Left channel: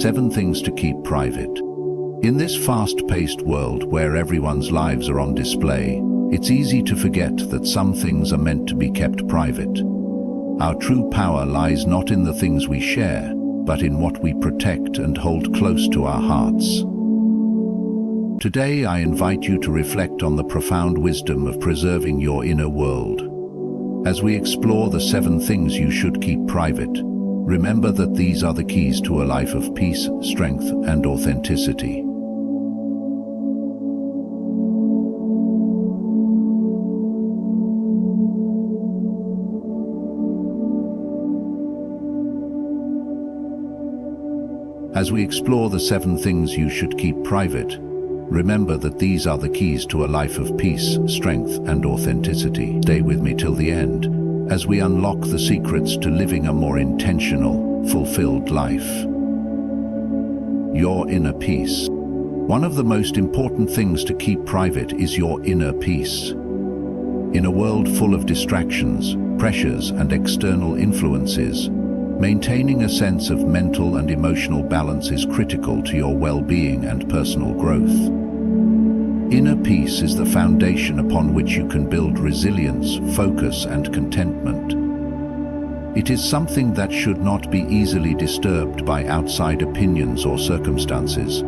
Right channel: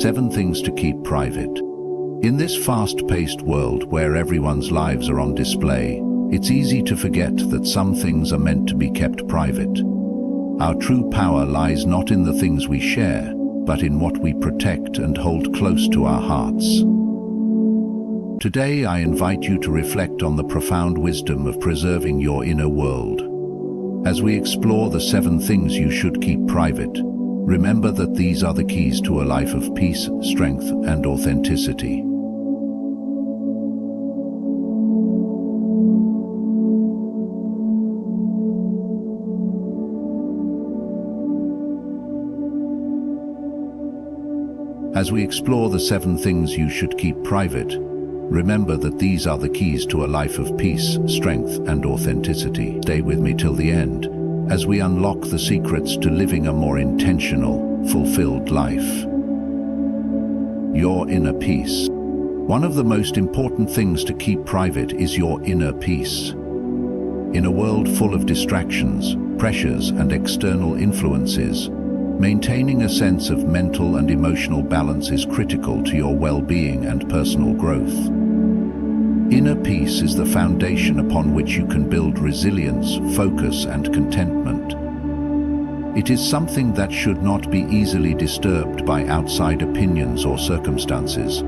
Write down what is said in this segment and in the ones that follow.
7 things to keep private. In this fast-paced world where everyone's lives are on display, it's easy to forget that some things are meant to be kept private. Our true power lies not in the things we share, but in what we protect and hold close to our hearts. Today I invite you to reflect on the profound wisdom of preserving your inner world. As we explore the 7 things you should keep private, remember that these are the keys to a life of peace, strength, and authenticity. As we explore the 7 things you should keep private, remember that these are the keys to a life of peace, strength, and authenticity. Stay with me till the end, as we unlock the secrets to living a more intentional, fulfilled life. Your inner peace. One of the most important things to keep private is your inner peace. In a world full of distractions, pressures, and external influences, maintaining a sense of mental and emotional balance is critical to your well-being and personal growth. Inner peace is the foundation upon which you can build resilience, focus, and contentment. It is something that should not be easily disturbed by outside opinions or circumstances.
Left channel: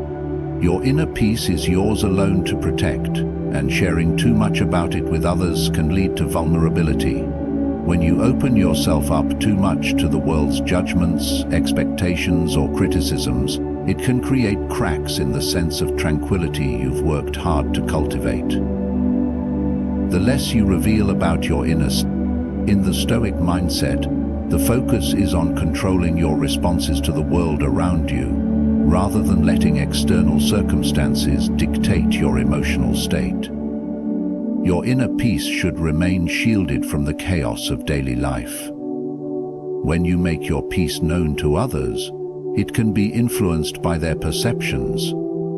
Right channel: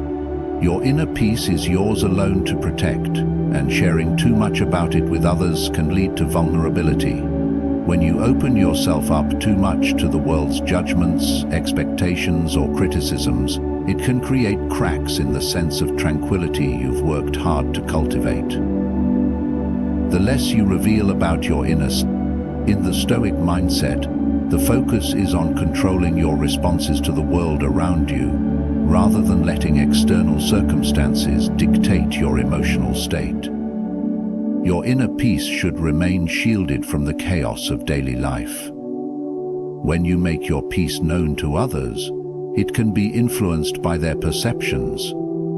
Your inner peace is yours alone to protect, and sharing too much about it with others can lead to vulnerability. When you open yourself up too much to the world's judgments, expectations, or criticisms, it can create cracks in the sense of tranquility you've worked hard to cultivate. The less you reveal about your inner self, in the Stoic mindset, the focus is on controlling your responses to the world around you, rather than letting external circumstances dictate your emotional state. Your inner peace should remain shielded from the chaos of daily life. When you make your peace known to others, it can be influenced by their perceptions,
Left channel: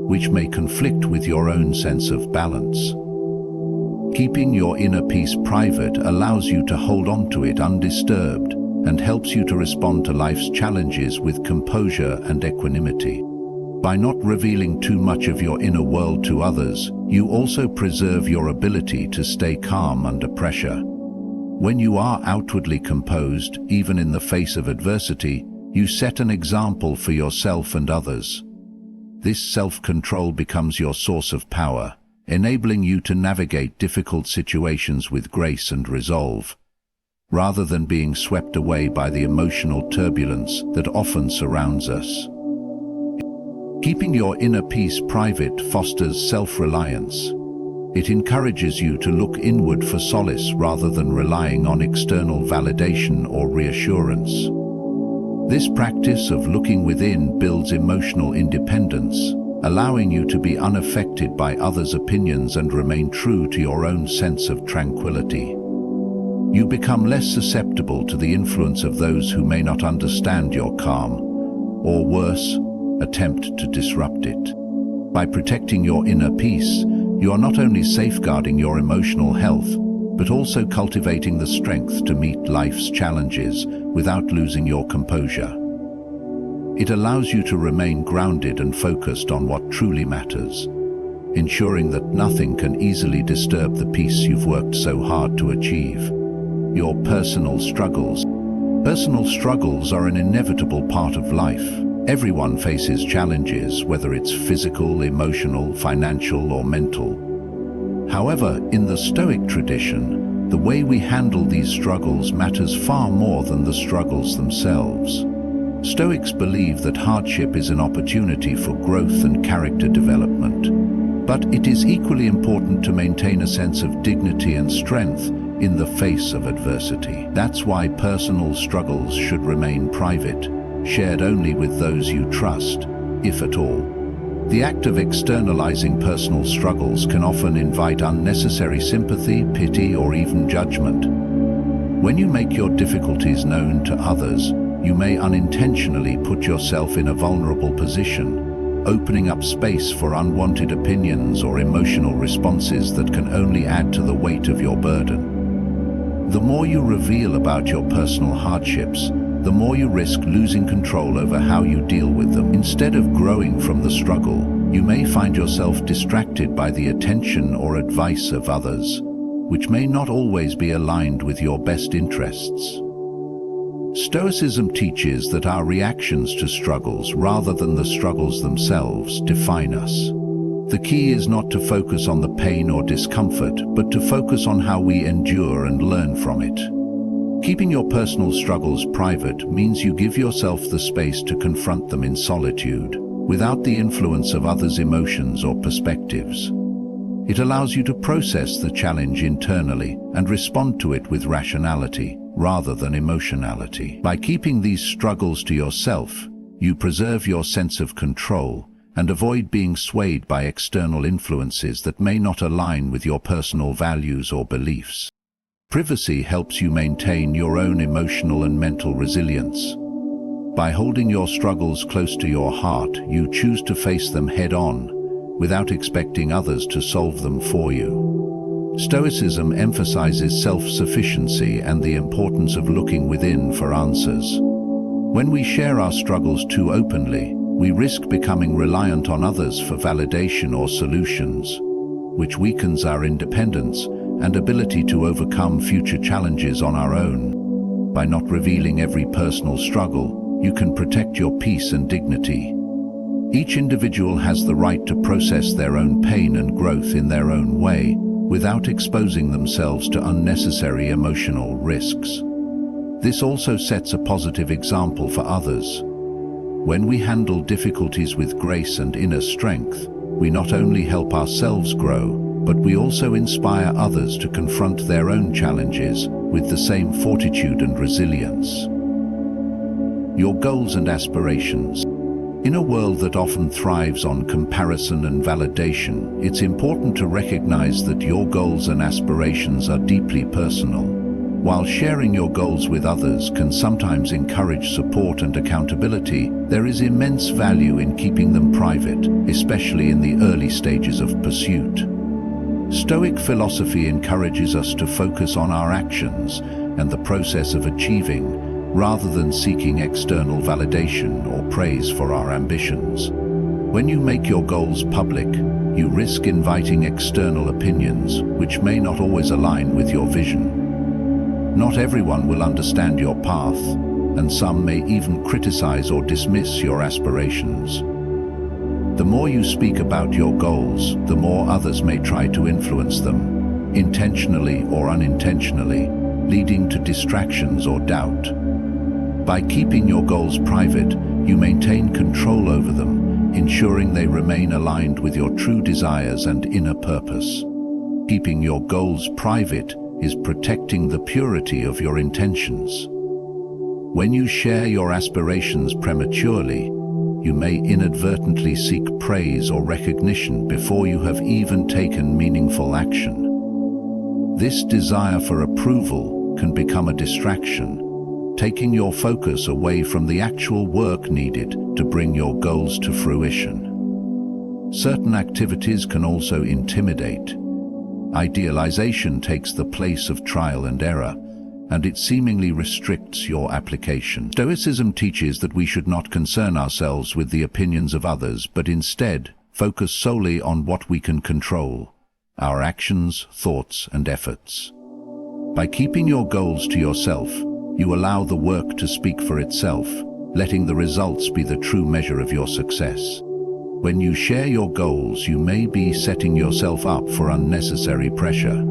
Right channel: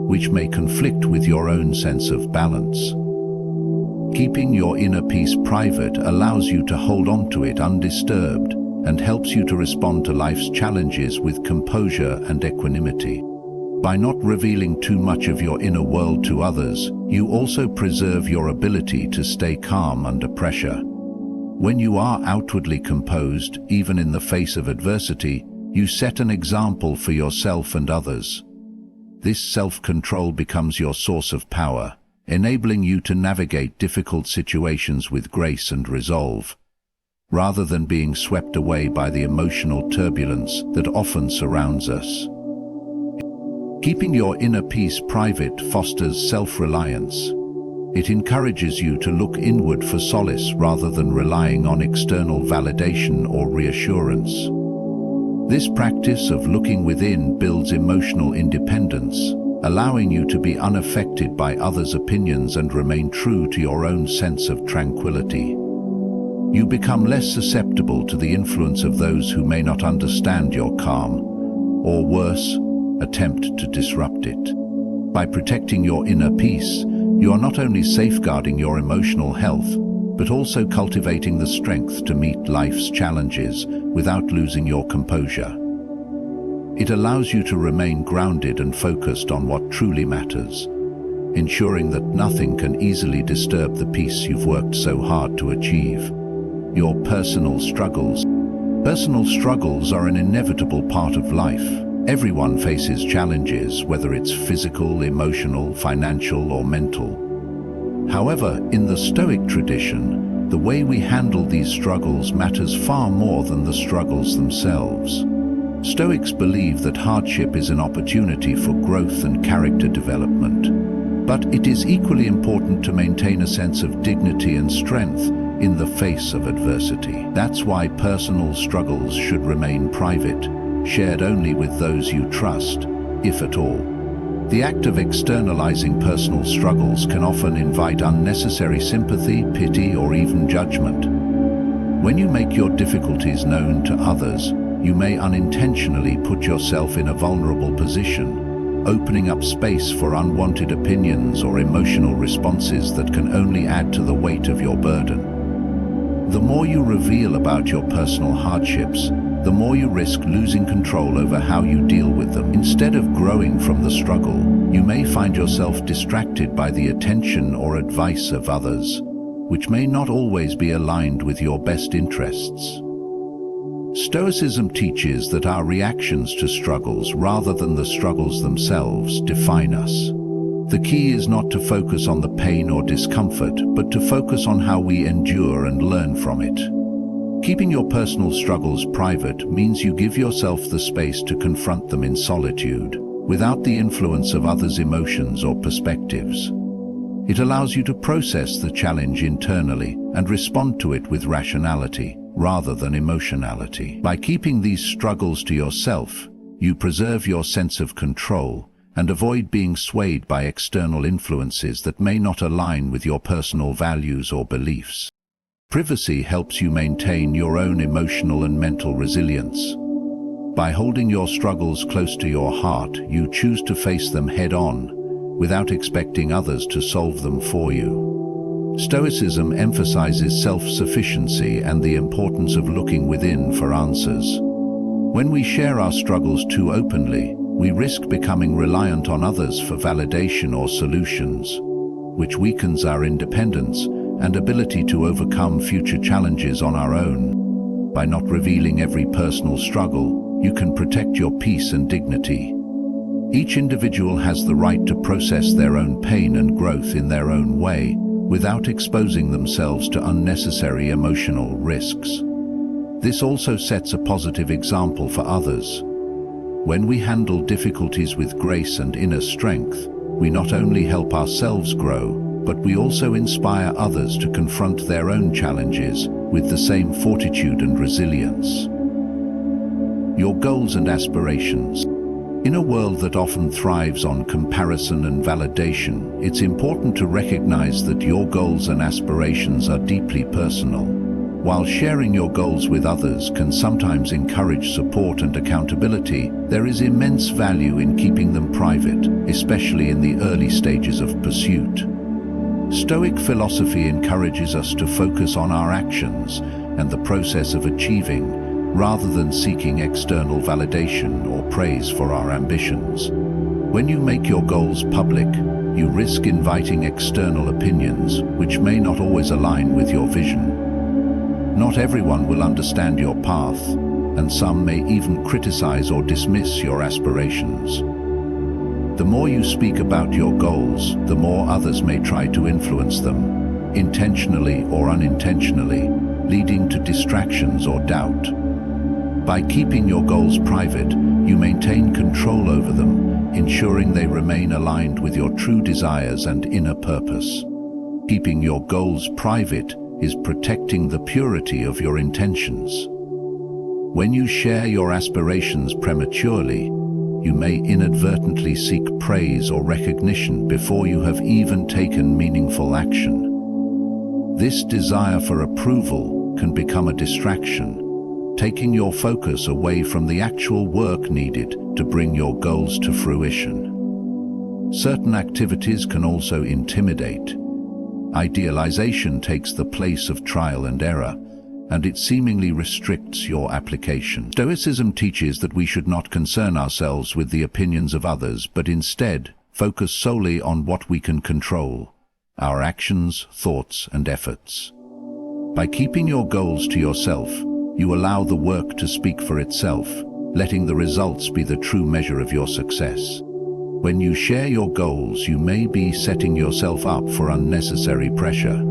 which may conflict with your own sense of balance. Keeping your inner peace private allows you to hold on to it undisturbed and helps you to respond to life's challenges with composure and equanimity. By not revealing too much of your inner world to others, you also preserve your ability to stay calm under pressure. When you are outwardly composed, even in the face of adversity, you set an example for yourself and others. This self-control becomes your source of power, enabling you to navigate difficult situations with grace and resolve, rather than being swept away by the emotional turbulence that often surrounds us. Keeping your inner peace private fosters self-reliance. It encourages you to look inward for solace rather than relying on external validation or reassurance. This practice of looking within builds emotional independence, allowing you to be unaffected by others' opinions and remain true to your own sense of tranquility. You become less susceptible to the influence of those who may not understand your calm, or worse, attempt to disrupt it. By protecting your inner peace, you are not only safeguarding your emotional health, but also cultivating the strength to meet life's challenges without losing your composure. It allows you to remain grounded and focused on what truly matters, ensuring that nothing can easily disturb the peace you've worked so hard to achieve. Your personal struggles. Personal struggles are an inevitable part of life. Everyone faces challenges, whether it's physical, emotional, financial, or mental. However, in the Stoic tradition, the way we handle these struggles matters far more than the struggles themselves. Stoics believe that hardship is an opportunity for growth and character development, but it is equally important to maintain a sense of dignity and strength in the face of adversity. That's why personal struggles should remain private, shared only with those you trust, if at all. The act of externalizing personal struggles can often invite unnecessary sympathy, pity, or even judgment. When you make your difficulties known to others, you may unintentionally put yourself in a vulnerable position, opening up space for unwanted opinions or emotional responses that can only add to the weight of your burden. The more you reveal about your personal hardships, the more you risk losing control over how you deal with them. Instead of growing from the struggle, you may find yourself distracted by the attention or advice of others, which may not always be aligned with your best interests. Stoicism teaches that our reactions to struggles, rather than the struggles themselves, define us. The key is not to focus on the pain or discomfort, but to focus on how we endure and learn from it. Keeping your personal struggles private means you give yourself the space to confront them in solitude, without the influence of others' emotions or perspectives. It allows you to process the challenge internally and respond to it with rationality, rather than emotionality. By keeping these struggles to yourself, you preserve your sense of control and avoid being swayed by external influences that may not align with your personal values or beliefs. Privacy helps you maintain your own emotional and mental resilience. By holding your struggles close to your heart, you choose to face them head-on, without expecting others to solve them for you. Stoicism emphasizes self-sufficiency and the importance of looking within for answers. When we share our struggles too openly, we risk becoming reliant on others for validation or solutions, which weakens our independence and ability to overcome future challenges on our own. By not revealing every personal struggle, you can protect your peace and dignity. Each individual has the right to process their own pain and growth in their own way, without exposing themselves to unnecessary emotional risks. This also sets a positive example for others. When we handle difficulties with grace and inner strength, we not only help ourselves grow, but we also inspire others to confront their own challenges with the same fortitude and resilience. Your goals and aspirations. In a world that often thrives on comparison and validation, it's important to recognize that your goals and aspirations are deeply personal. While sharing your goals with others can sometimes encourage support and accountability, there is immense value in keeping them private, especially in the early stages of pursuit. Stoic philosophy encourages us to focus on our actions and the process of achieving, rather than seeking external validation or praise for our ambitions. When you make your goals public, you risk inviting external opinions, which may not always align with your vision. Not everyone will understand your path, and some may even criticize or dismiss your aspirations. The more you speak about your goals, the more others may try to influence them, intentionally or unintentionally, leading to distractions or doubt. By keeping your goals private, you maintain control over them, ensuring they remain aligned with your true desires and inner purpose. Keeping your goals private is protecting the purity of your intentions. When you share your aspirations prematurely, you may inadvertently seek praise or recognition before you have even taken meaningful action. This desire for approval can become a distraction, taking your focus away from the actual work needed to bring your goals to fruition. Certain activities can also intimidate. Idealization takes the place of trial and error, and it seemingly restricts your application. Stoicism teaches that we should not concern ourselves with the opinions of others, but instead focus solely on what we can control: our actions, thoughts, and efforts. By keeping your goals to yourself, you allow the work to speak for itself, letting the results be the true measure of your success. When you share your goals, you may be setting yourself up for unnecessary pressure.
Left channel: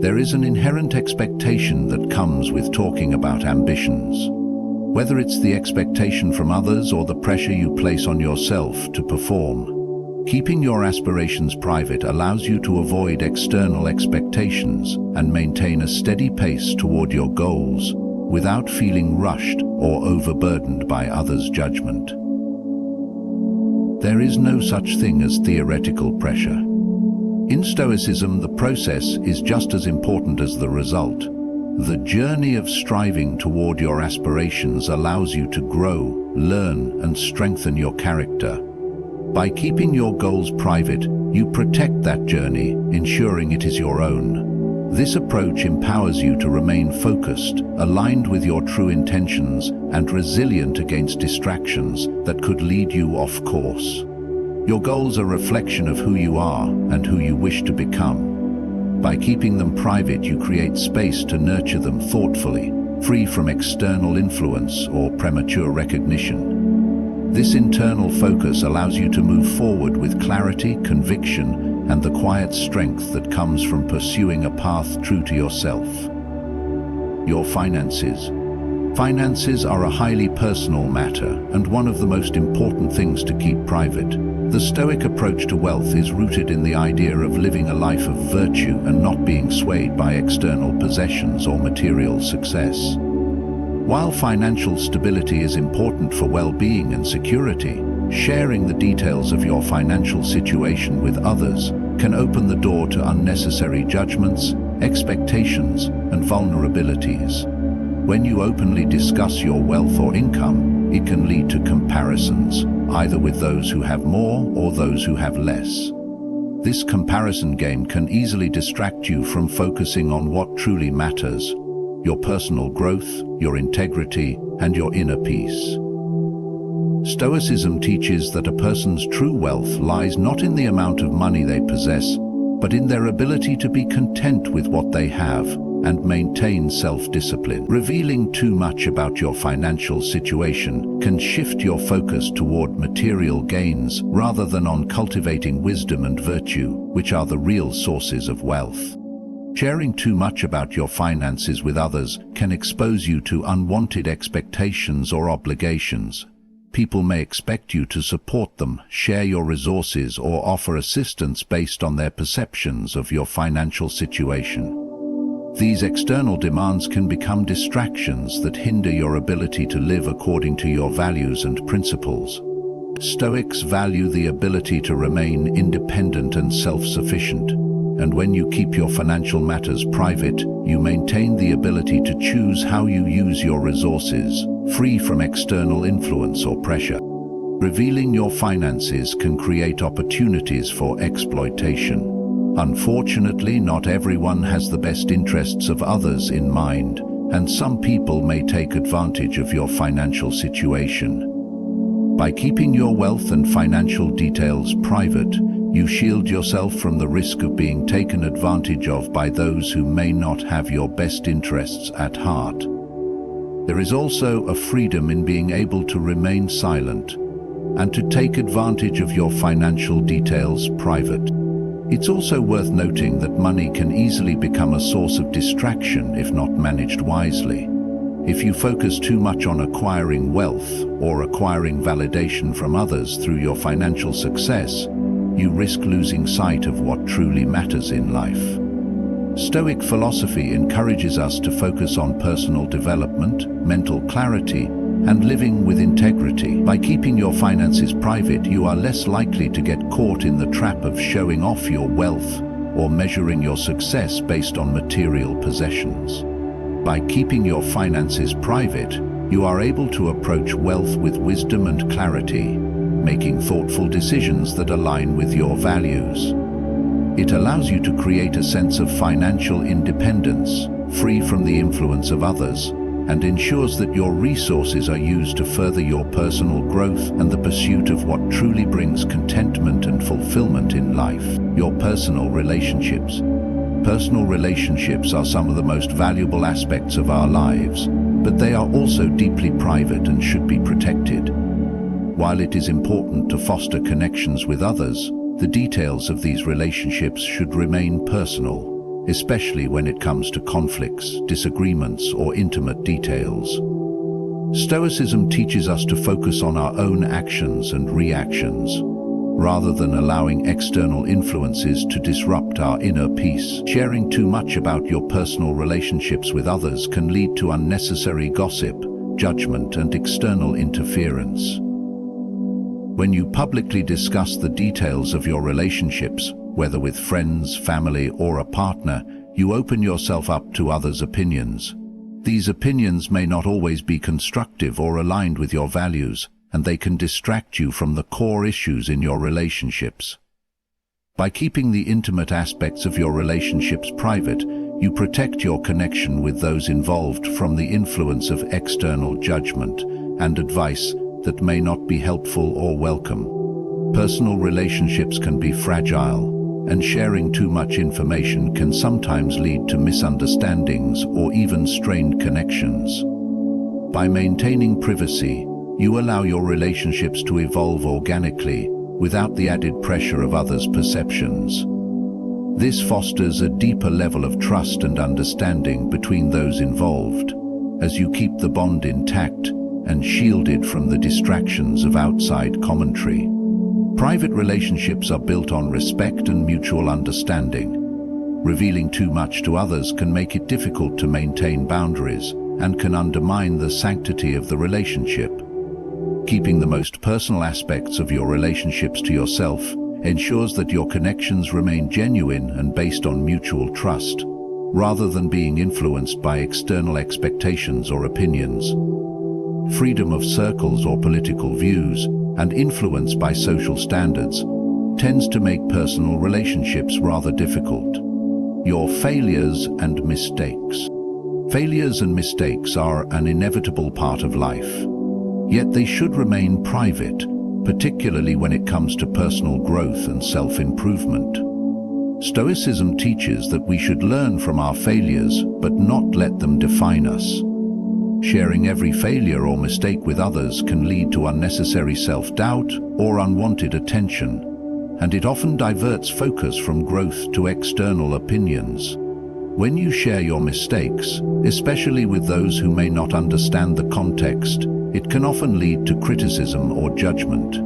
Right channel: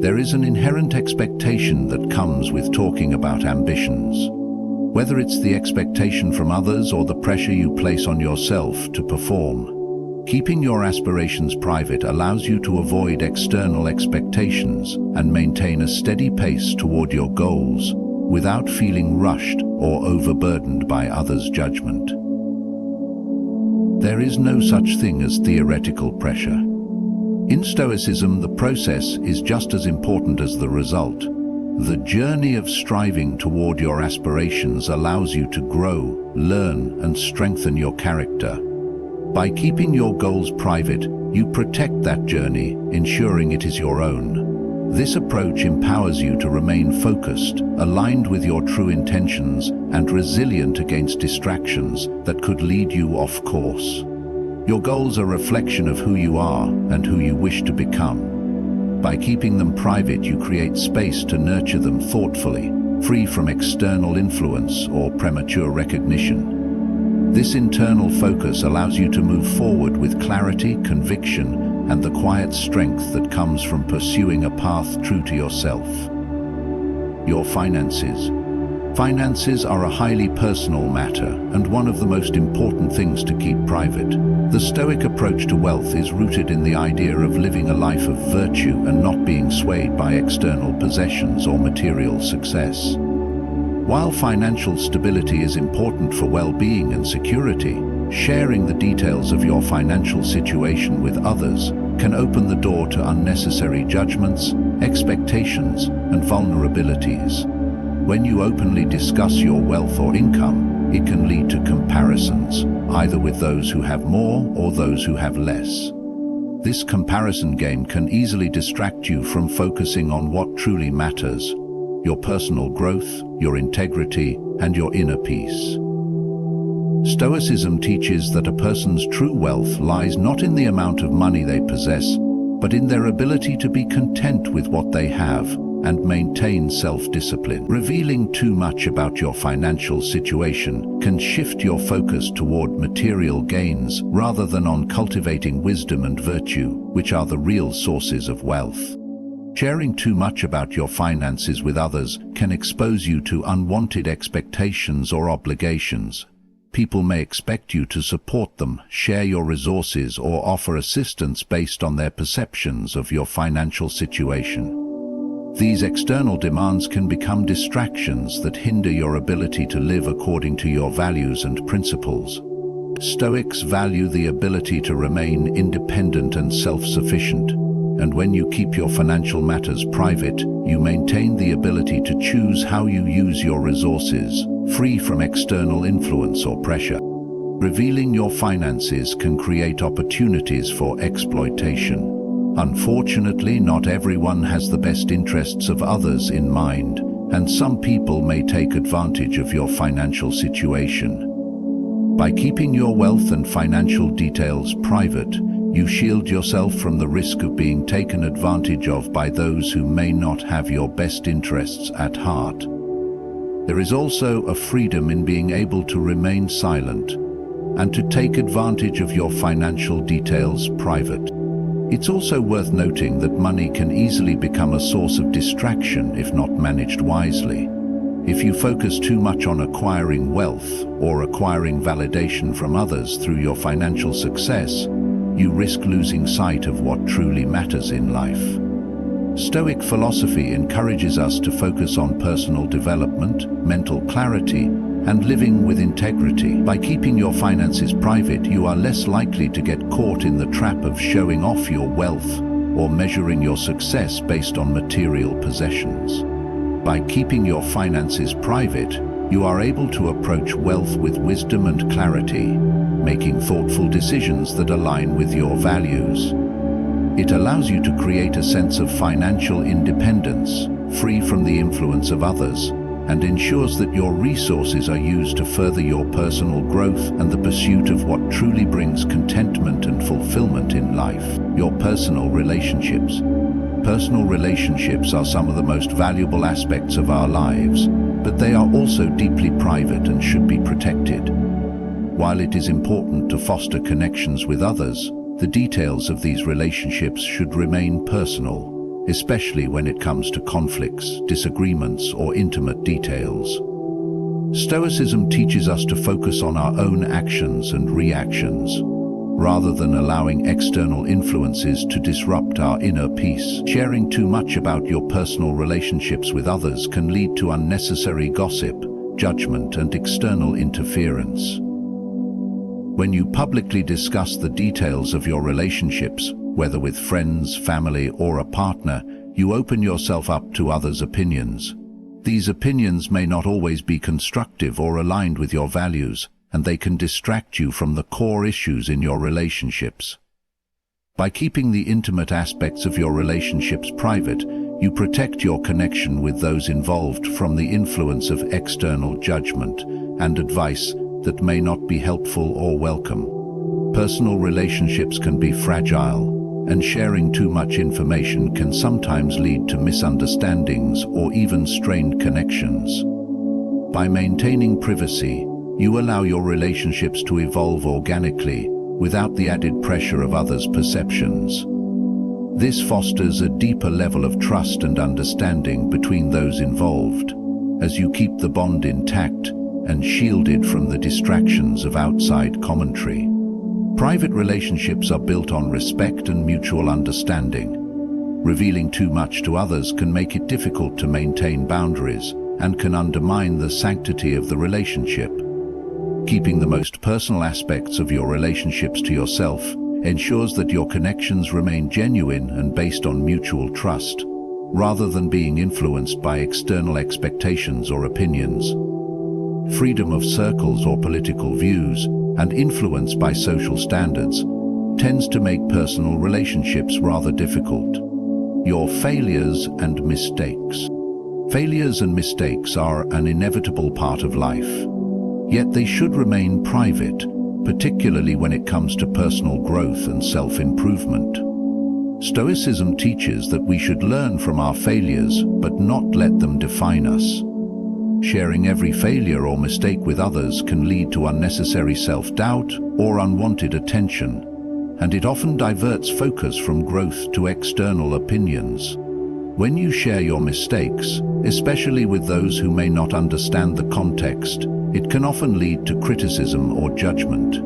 There is an inherent expectation that comes with talking about ambitions. Whether it's the expectation from others or the pressure you place on yourself to perform, keeping your aspirations private allows you to avoid external expectations and maintain a steady pace toward your goals without feeling rushed or overburdened by others' judgment. There is no such thing as theoretical pressure. In Stoicism, the process is just as important as the result. The journey of striving toward your aspirations allows you to grow, learn, and strengthen your character. By keeping your goals private, you protect that journey, ensuring it is your own. This approach empowers you to remain focused, aligned with your true intentions, and resilient against distractions that could lead you off course. Your goals are a reflection of who you are and who you wish to become. By keeping them private, you create space to nurture them thoughtfully, free from external influence or premature recognition. This internal focus allows you to move forward with clarity, conviction, and the quiet strength that comes from pursuing a path true to yourself. Your finances. Finances are a highly personal matter and one of the most important things to keep private. The Stoic approach to wealth is rooted in the idea of living a life of virtue and not being swayed by external possessions or material success. While financial stability is important for well-being and security, sharing the details of your financial situation with others can open the door to unnecessary judgments, expectations, and vulnerabilities. When you openly discuss your wealth or income, it can lead to comparisons, either with those who have more or those who have less. This comparison game can easily distract you from focusing on what truly matters: your personal growth, your integrity, and your inner peace. Stoicism teaches that a person's true wealth lies not in the amount of money they possess, but in their ability to be content with what they have and maintain self-discipline. Revealing too much about your financial situation can shift your focus toward material gains rather than on cultivating wisdom and virtue, which are the real sources of wealth. Sharing too much about your finances with others can expose you to unwanted expectations or obligations. People may expect you to support them, share your resources, or offer assistance based on their perceptions of your financial situation. These external demands can become distractions that hinder your ability to live according to your values and principles. Stoics value the ability to remain independent and self-sufficient, and when you keep your financial matters private, you maintain the ability to choose how you use your resources, free from external influence or pressure. Revealing your finances can create opportunities for exploitation. Unfortunately, not everyone has the best interests of others in mind, and some people may take advantage of your financial situation. By keeping your wealth and financial details private, you shield yourself from the risk of being taken advantage of by those who may not have your best interests at heart. There is also a freedom in being able to remain silent and to take advantage of your financial details private. It's also worth noting that money can easily become a source of distraction if not managed wisely. If you focus too much on acquiring wealth or acquiring validation from others through your financial success, you risk losing sight of what truly matters in life. Stoic philosophy encourages us to focus on personal development, mental clarity, and living with integrity. By keeping your finances private, you are less likely to get caught in the trap of showing off your wealth or measuring your success based on material possessions. By keeping your finances private, you are able to approach wealth with wisdom and clarity, making thoughtful decisions that align with your values. It allows you to create a sense of financial independence, free from the influence of others, and ensures that your resources are used to further your personal growth and the pursuit of what truly brings contentment and fulfillment in life. Your personal relationships. Personal relationships are some of the most valuable aspects of our lives, but they are also deeply private and should be protected. While it is important to foster connections with others, the details of these relationships should remain personal, especially when it comes to conflicts, disagreements, or intimate details. Stoicism teaches us to focus on our own actions and reactions, rather than allowing external influences to disrupt our inner peace. Sharing too much about your personal relationships with others can lead to unnecessary gossip, judgment, and external interference. When you publicly discuss the details of your relationships, whether with friends, family, or a partner, you open yourself up to others' opinions. These opinions may not always be constructive or aligned with your values, and they can distract you from the core issues in your relationships. By keeping the intimate aspects of your relationships private, you protect your connection with those involved from the influence of external judgment and advice that may not be helpful or welcome. Personal relationships can be fragile, and sharing too much information can sometimes lead to misunderstandings or even strained connections. By maintaining privacy, you allow your relationships to evolve organically without the added pressure of others' perceptions. This fosters a deeper level of trust and understanding between those involved, as you keep the bond intact and shielded from the distractions of outside commentary. Private relationships are built on respect and mutual understanding. Revealing too much to others can make it difficult to maintain boundaries and can undermine the sanctity of the relationship. Keeping the most personal aspects of your relationships to yourself ensures that your connections remain genuine and based on mutual trust, rather than being influenced by external expectations or opinions. Freedom of circles or political views, and influence by social standards, tends to make personal relationships rather difficult. Your failures and mistakes. Failures and mistakes are an inevitable part of life, yet they should remain private, particularly when it comes to personal growth and self-improvement. Stoicism teaches that we should learn from our failures, but not let them define us. Sharing every failure or mistake with others can lead to unnecessary self-doubt or unwanted attention, and it often diverts focus from growth to external opinions. When you share your mistakes, especially with those who may not understand the context, it can often lead to criticism or judgment.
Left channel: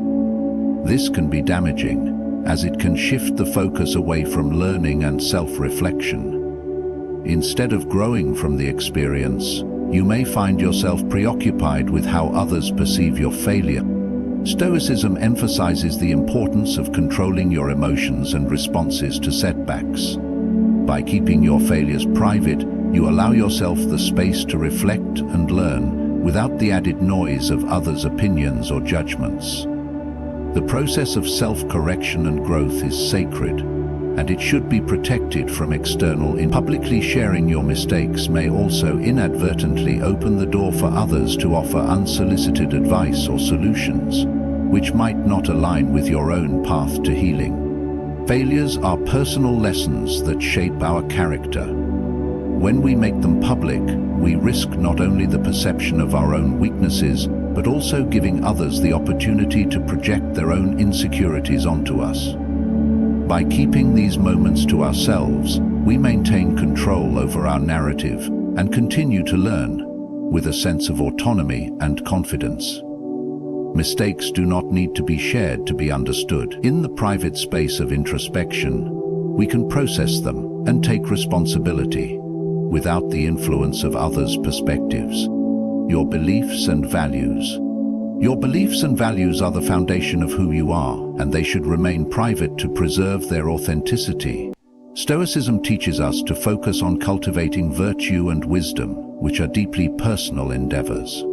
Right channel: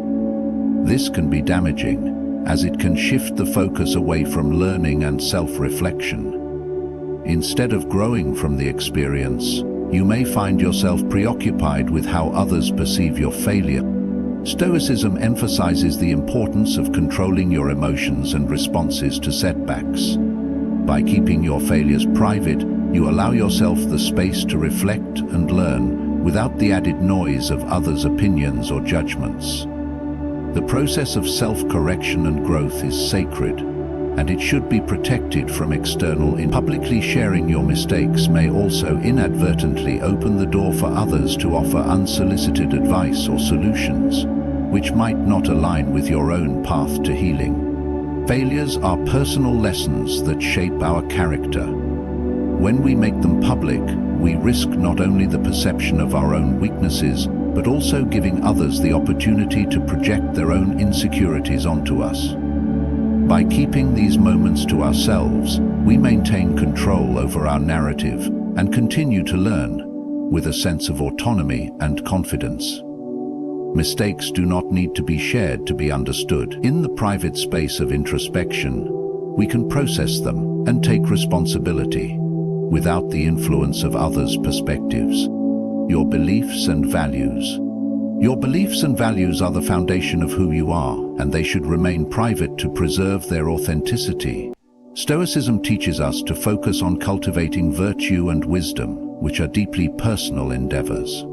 This can be damaging, as it can shift the focus away from learning and self-reflection. Instead of growing from the experience, you may find yourself preoccupied with how others perceive your failure. Stoicism emphasizes the importance of controlling your emotions and responses to setbacks. By keeping your failures private, you allow yourself the space to reflect and learn without the added noise of others' opinions or judgments. The process of self-correction and growth is sacred, and it should be protected from external influence. Publicly sharing your mistakes may also inadvertently open the door for others to offer unsolicited advice or solutions, which might not align with your own path to healing. Failures are personal lessons that shape our character. When we make them public, we risk not only the perception of our own weaknesses, but also giving others the opportunity to project their own insecurities onto us. By keeping these moments to ourselves, we maintain control over our narrative and continue to learn with a sense of autonomy and confidence. Mistakes do not need to be shared to be understood. In the private space of introspection, we can process them and take responsibility without the influence of others' perspectives. Your beliefs and values. Your beliefs and values are the foundation of who you are, and they should remain private to preserve their authenticity. Stoicism teaches us to focus on cultivating virtue and wisdom, which are deeply personal endeavors.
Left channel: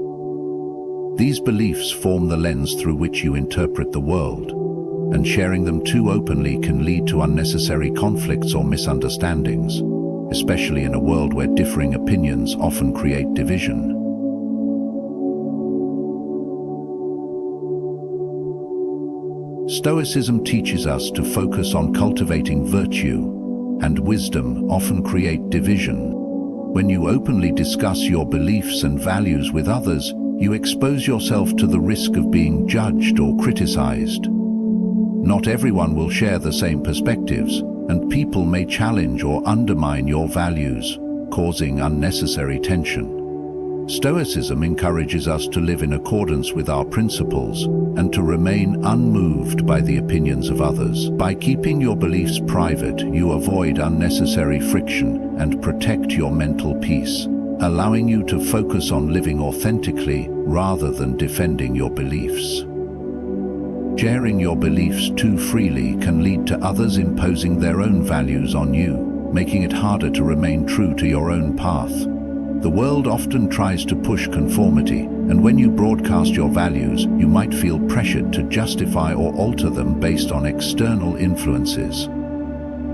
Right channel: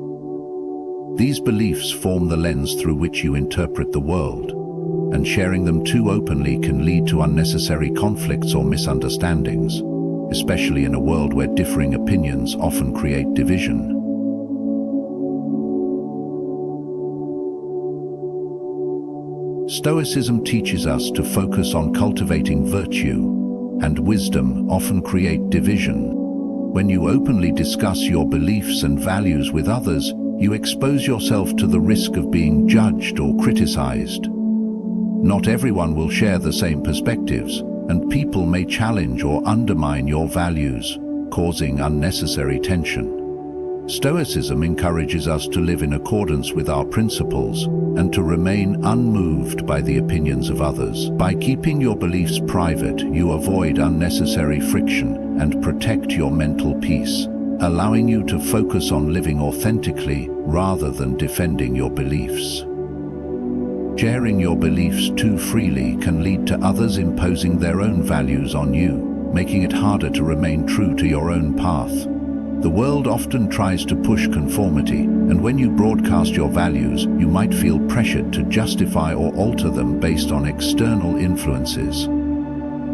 These beliefs form the lens through which you interpret the world, and sharing them too openly can lead to unnecessary conflicts or misunderstandings, especially in a world where differing opinions often create division. Stoicism teaches us to focus on cultivating virtue, and wisdom often create division. When you openly discuss your beliefs and values with others, you expose yourself to the risk of being judged or criticized. Not everyone will share the same perspectives, and people may challenge or undermine your values, causing unnecessary tension. Stoicism encourages us to live in accordance with our principles and to remain unmoved by the opinions of others. By keeping your beliefs private, you avoid unnecessary friction and protect your mental peace, allowing you to focus on living authentically rather than defending your beliefs. Sharing your beliefs too freely can lead to others imposing their own values on you, making it harder to remain true to your own path. The world often tries to push conformity, and when you broadcast your values, you might feel pressured to justify or alter them based on external influences.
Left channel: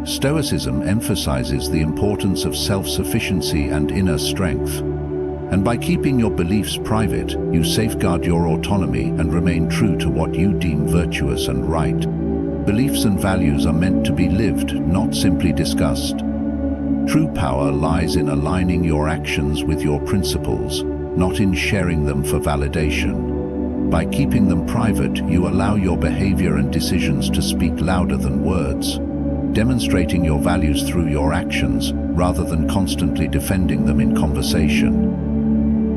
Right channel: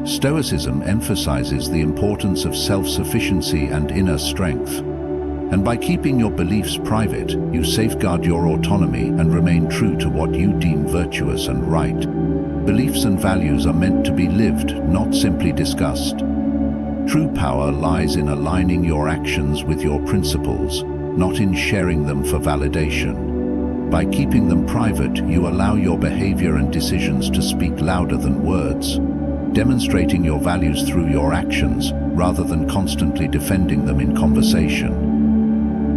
Stoicism emphasizes the importance of self-sufficiency and inner strength. And by keeping your beliefs private, you safeguard your autonomy and remain true to what you deem virtuous and right. Beliefs and values are meant to be lived, not simply discussed. True power lies in aligning your actions with your principles, not in sharing them for validation. By keeping them private, you allow your behavior and decisions to speak louder than words, demonstrating your values through your actions rather than constantly defending them in conversation.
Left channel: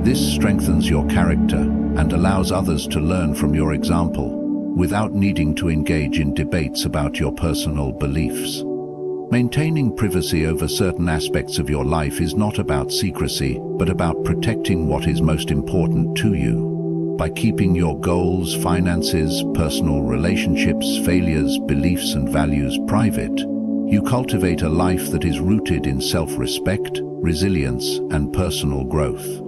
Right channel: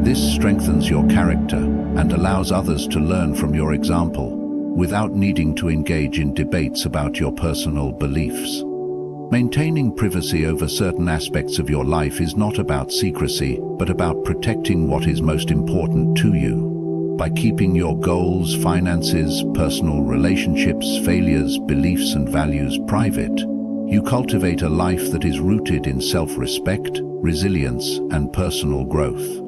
This strengthens your character and allows others to learn from your example, without needing to engage in debates about your personal beliefs. Maintaining privacy over certain aspects of your life is not about secrecy, but about protecting what is most important to you. By keeping your goals, finances, personal relationships, failures, beliefs and values private, you cultivate a life that is rooted in self-respect, resilience, and personal growth.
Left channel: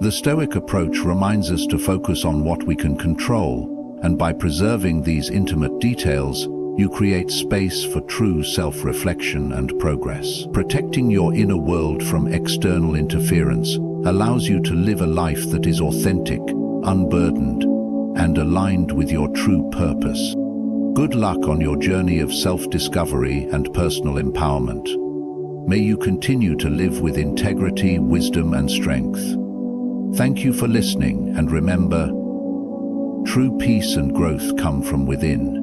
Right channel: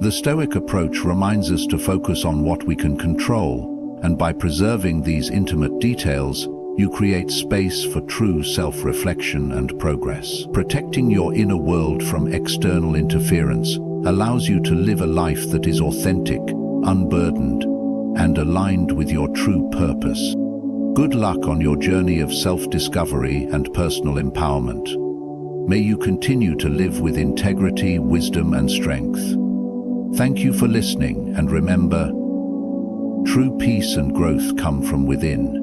The Stoic approach reminds us to focus on what we can control, and by preserving these intimate details, you create space for true self-reflection and progress. Protecting your inner world from external interference allows you to live a life that is authentic, unburdened, and aligned with your true purpose. Good luck on your journey of self-discovery and personal empowerment. May you continue to live with integrity, wisdom, and strength. Thank you for listening, and remember, true peace and growth come from within.